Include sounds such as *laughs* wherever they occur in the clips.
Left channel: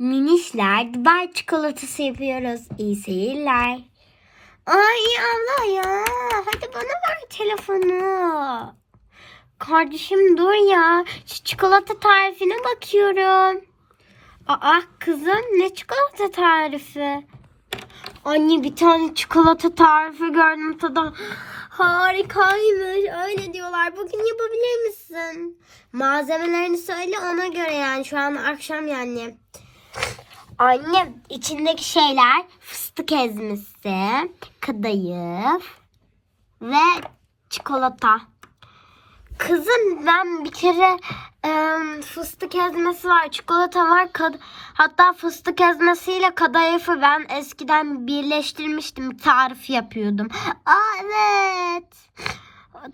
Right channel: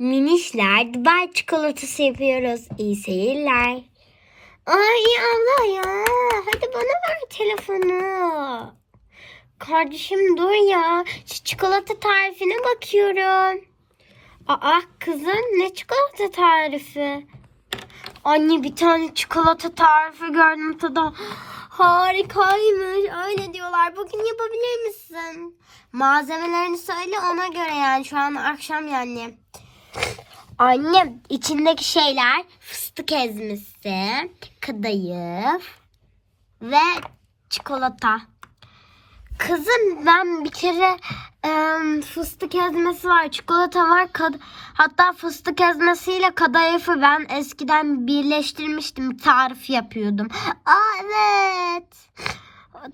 Minişler Dubai çikolatası yapıyoruz. İyi seyirler. Ay Allah ya. Hadi bana ver telefonu. Kardeşim dur ya. Şu çikolata tarifine bakıyorum. Aa kızım ne çikolata tarifi? Anne bir tane çikolata tarifi gördüm tadı harikaymış. Öyle diyorlar. Bugün yapabilir misin? Malzemelerini söyle ona göre yani. Şu an akşam yani. Anne içindeki şeyler fıstık ezmesi, kadayıf ve çikolata. Kızım ben bir kere em, fıstık ezmesi var, çikolata var. Kad- Hatta fıstık ezmesiyle kadayıfı ben eskiden birleştirmiştim. Tarif yapıyordum. Aa, evet.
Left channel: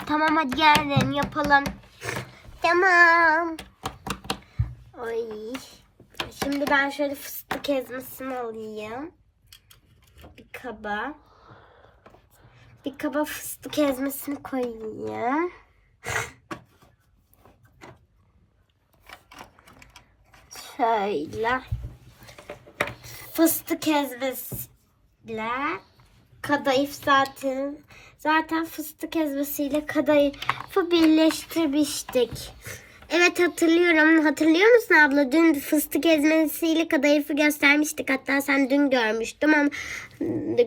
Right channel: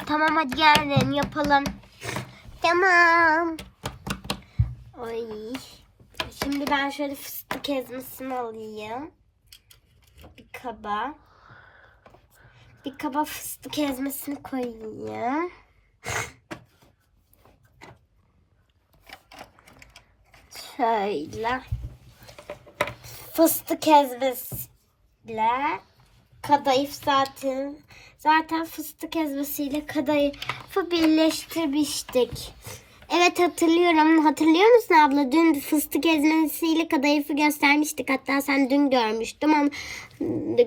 Tamam hadi gelin yapalım. Tamam. Ay. Şimdi ben şöyle fıstık ezmesini alayım. Bir kaba. Bir kaba fıstık ezmesini koyayım. Şöyle. Fıstık ezmesiyle kadayıf zaten zaten fıstık ezmesiyle kadayıfı birleştirmiştik. Evet hatırlıyorum. Hatırlıyor musun abla? Dün fıstık ezmesiyle kadayıfı göstermiştik. Hatta sen dün görmüştüm ama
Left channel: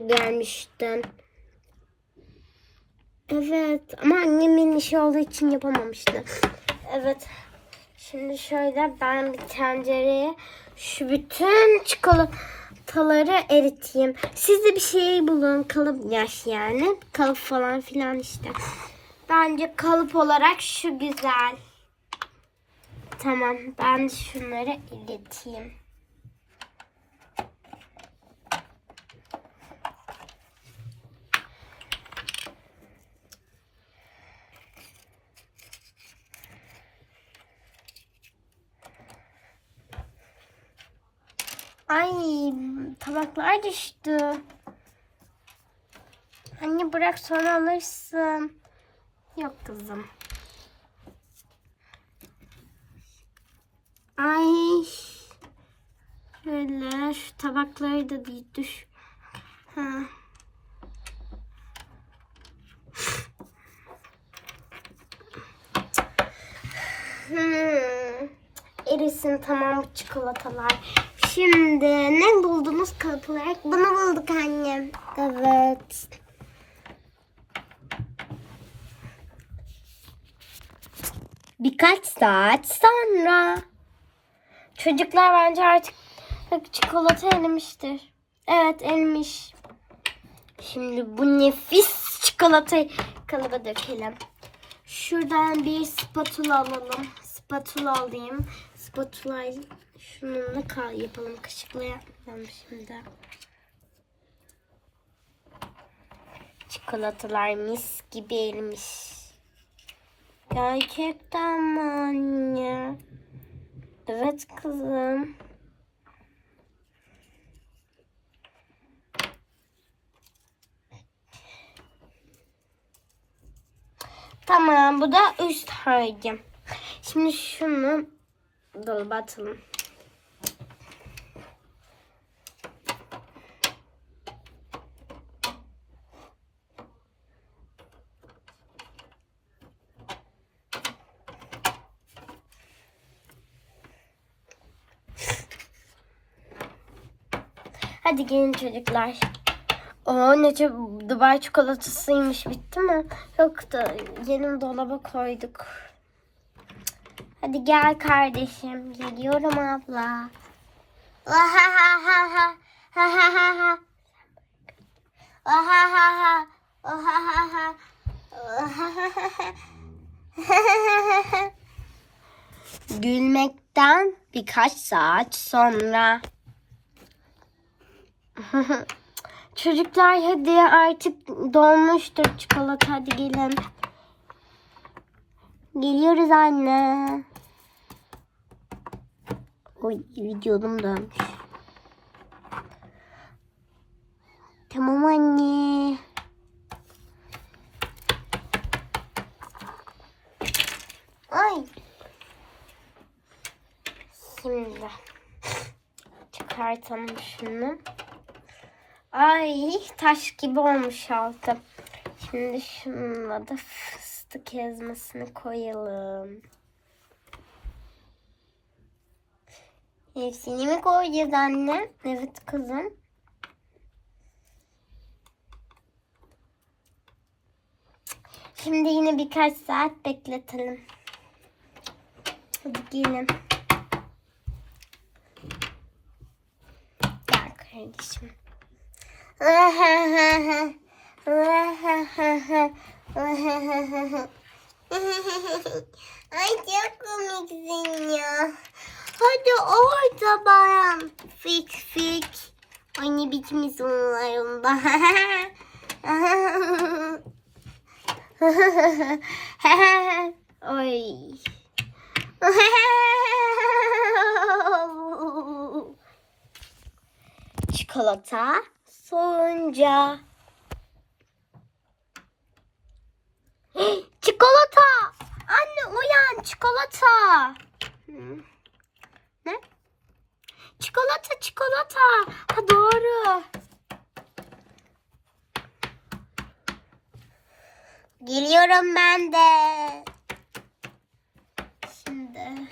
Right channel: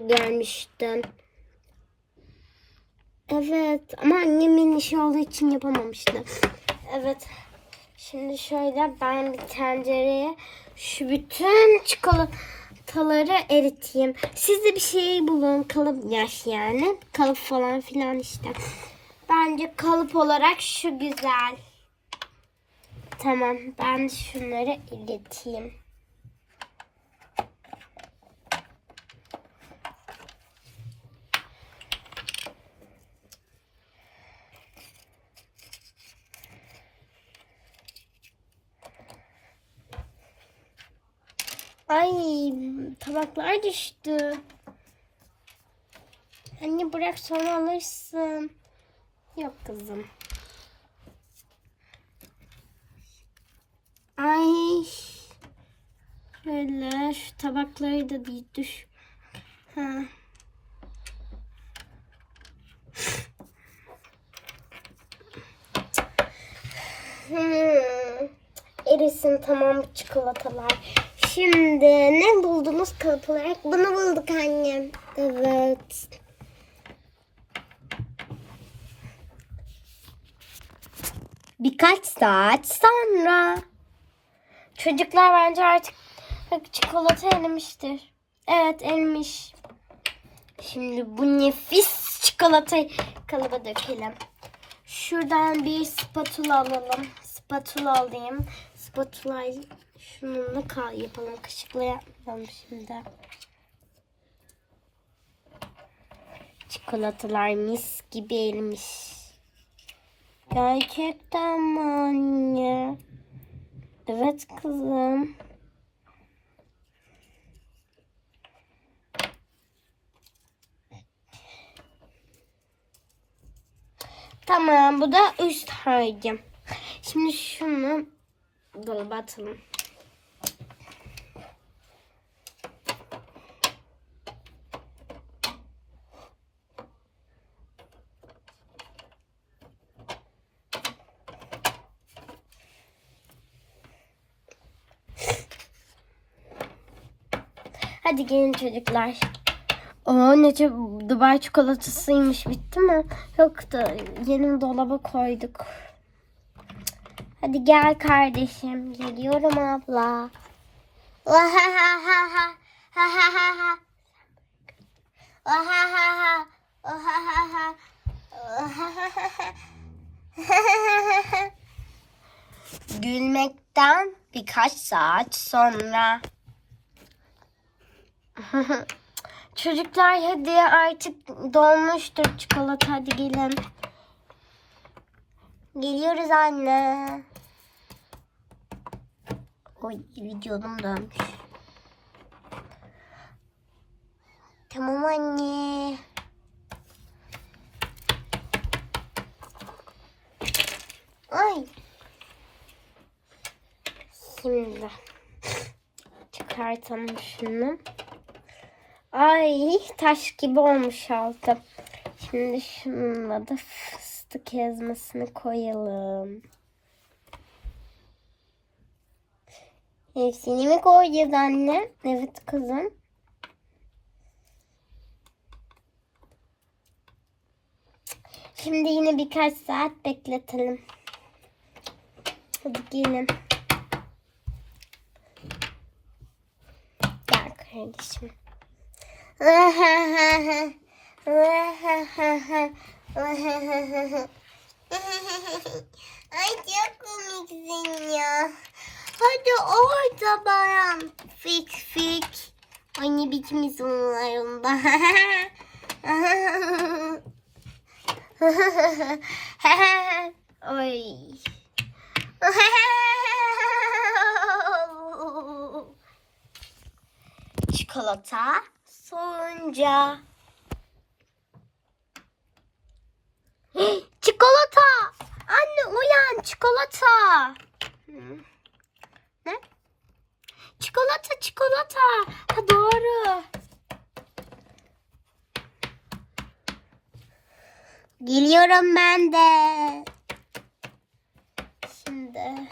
görmüştün. Evet ama annemin işi olduğu için yapamamıştı. Evet. Şimdi şöyle ben bir tencereye şu bütün çikolataları eriteyim. Siz de bir şey bulun. Kalıp yaş yani. Kalıp falan filan işte. Bence kalıp olarak şu güzel. Tamam ben şunları ileteyim. Ay tabaklar düştü. Anne bırak sonra alırsın. Yok kızım. Ay. Böyle şu tabakları da düş. Ha. Hmm. Erisin tamam çikolatalar. Şimdi ne buldunuz kalıp olarak? Bunu bulduk annem. Evet. Birkaç saat sonra. Çocuklar bence artık çikolata erimiştir. Evet erimiş. Şimdi bu nefis çikolatayı kalıba dökelim. Şuradan bir spatula alalım. Spatula alayım. Spatula şununla kar yapalım. Kaşıkla yapmayalım şimdi. Çikolatalar mis gibi erimiş. Gerçekten mi? Evet kızım. Tamam bu da üst harcım. Şimdi şunu dolaba atalım. Hadi gelin çocuklar. Aa ne çok Dubai çikolatasıymış bitti mi? Yoktu. Yeni dolaba koyduk. Hadi gel kardeşim. Geliyorum abla. Gülmekten birkaç saat sonra. *laughs* Çocuklar hadi artık dolmuştur çikolata hadi. Geliyoruz anne. Oy videom dönmüş. Tamam anne. Ay. Şimdi çıkartalım şunu. Ay taş gibi olmuş altı. Şimdi şununla da fıstık ezmesini koyalım. Hepsini mi koyacağız anne? Evet kızım. Şimdi yine birkaç saat bekletelim. Hadi gelin. Gel kardeşim. Ay çok komiksin ya. Hadi orada ben. Fik fik. Ay ne biçim isimlerim Ay. Çikolata soğunca. Hey, çikolata. Anne uyan çikolata. Ne? Çikolata çikolata. Ha doğru. Geliyorum ben de. Şimdi.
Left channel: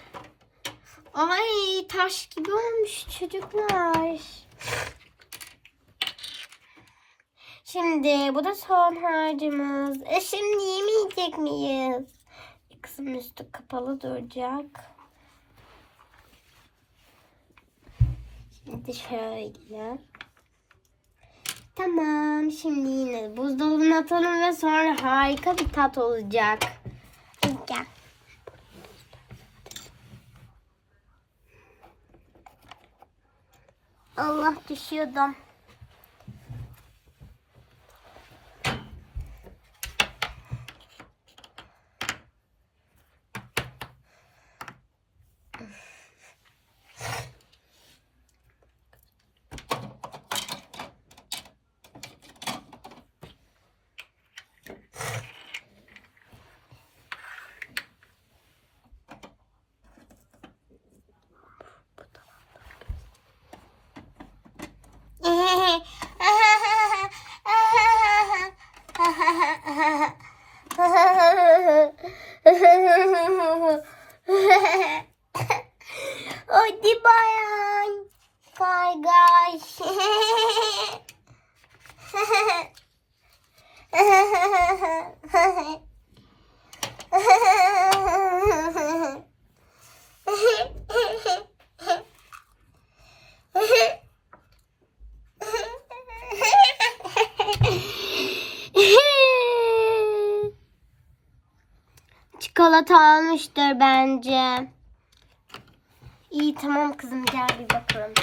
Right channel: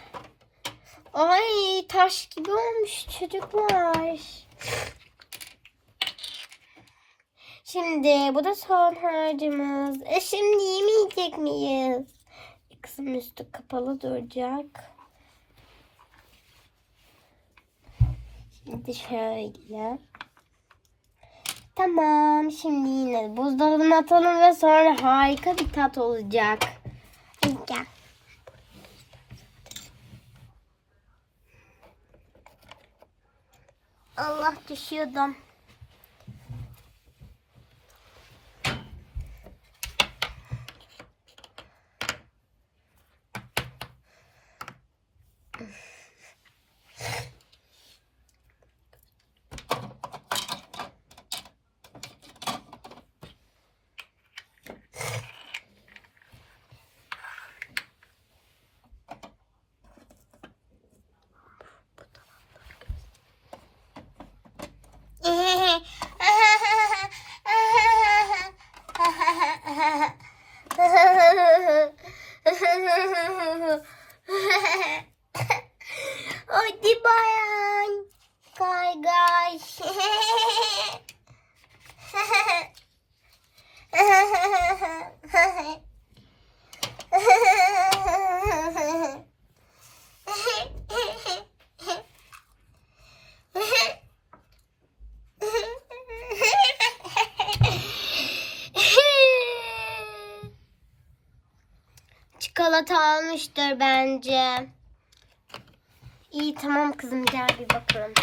Ay taş gibi olmuş çocuklar. Şimdi bu da son harcımız. E şimdi yemeyecek miyiz? Kızım üstü kapalı duracak. Şimdi şöyle. Tamam şimdi yine buzdolabına atalım ve sonra harika bir tat olacak. Gel. Allah düşüyordum. Çikolata almıştır bence. İyi tamam kızım gel bir bakalım.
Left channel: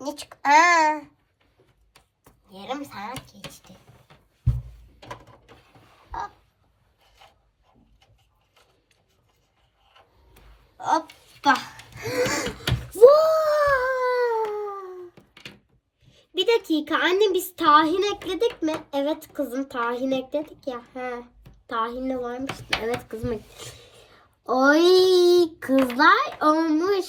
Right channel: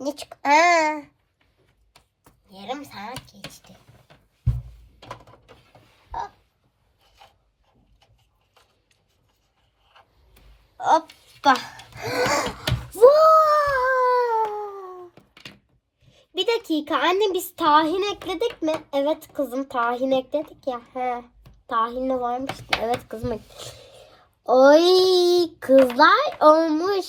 *laughs* ne çık? Aa. Yarım saat geçti. Hop. Hoppa. *gasps* Bir dakika anne biz tahin ekledik mi? Evet kızım tahin ekledik ya. He. Tahinli varmış. Evet kızım. Oy kızlar olmuş.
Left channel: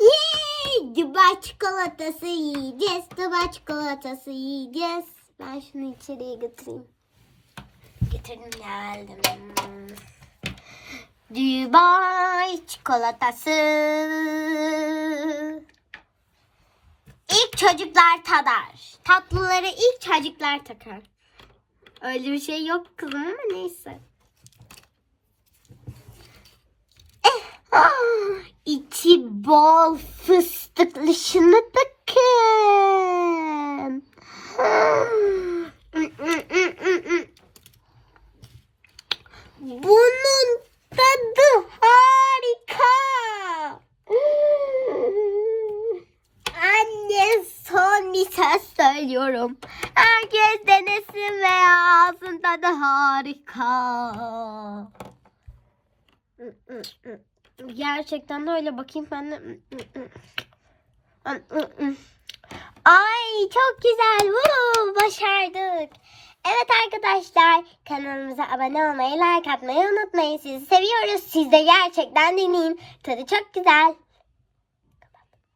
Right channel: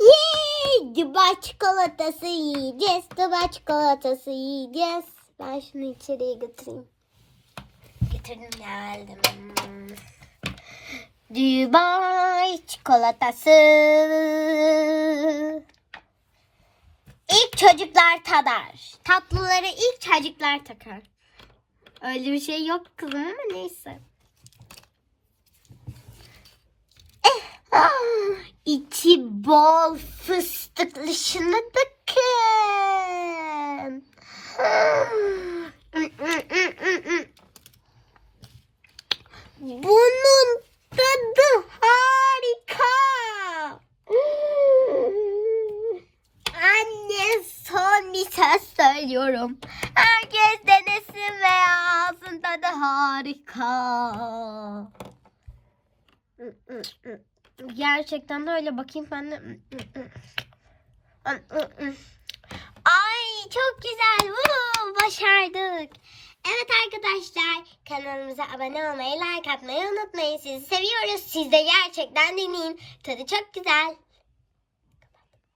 Yay! Dubai çikolatası yiyeceğiz. Dubai çikolatası yiyeceğiz. Ben şunu içeriye götüreyim. Getirdim geldim. Dubai çikolatası. İlk çocuklar tadar. Tatlıları ilk çocuklar tadar. Öyle bir şey yok kızım ama neyse. İçi bol fıstıklı şunu bakın. Bunun tadı harika. Anne son bir söz söylüyorum. Herkes denesin ve alsın tadı harika. Gerçekten de öyle bakayım ben de. Ay çok güzel. Woo, başardık. Evet arkadaşlar kanalımıza abone olmayı, like atmayı unutmayın. Sizi seviyoruz. Siz de gerçekten deneyin. Tadı çok güzel.